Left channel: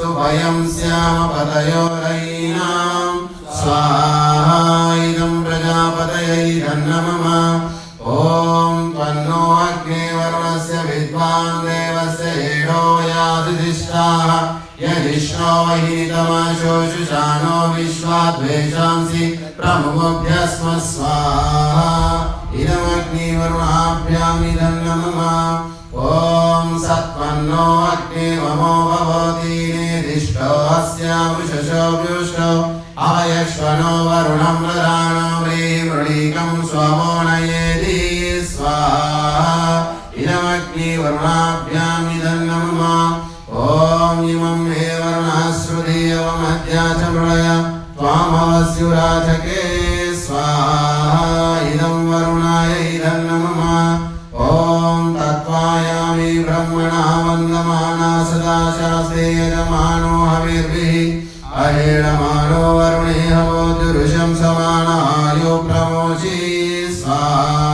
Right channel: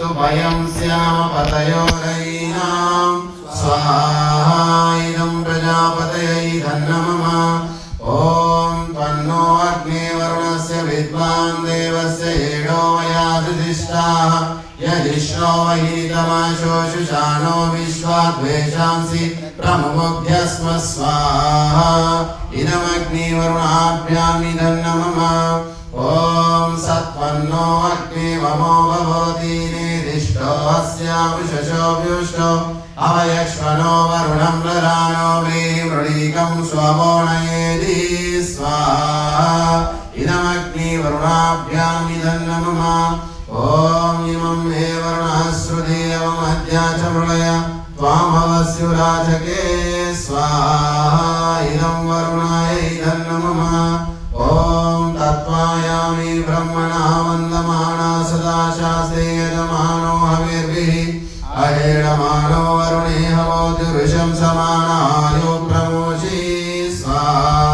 स्वाहास्तु भयं स्याम पतयोरयीनां स्वाहा इदं प्रजापतये धन्नमः ॐ तन्नो अग्ने वरुणस्य विद्वान् देवस्य एडो याधिष्ठाः यदिष्णो वहीतमाशो शुशानो विश्वाद्वेषांसि प्रमुमुभ्यस्म स्वाहा इदमग्निवरुणाभ्यामिदं नमः ॐ सत्पन्नो अग्ने ममो भवति निरिष्टो अस्य वृषशो व्युष्टो अवयश्वनो वरुणं ददानो वृणीकं स्वमो नयेति स्वाहा इदमग्निवरुणाभ्यामिदं नमः ॐ इमं हे वरुणः श्रुतिमध्या च मृळय त्वामवस्युराजके स्वाहा इदं वरुणाय इदं नमः ॐ तत्त्वायामि ब्रह्मणा वन्दमाना सदा शास्त्रेयमानो हविर्भिः अहेणमानो वरुणे हवोति ऋषं समानायो प्रमोचि स्वाहा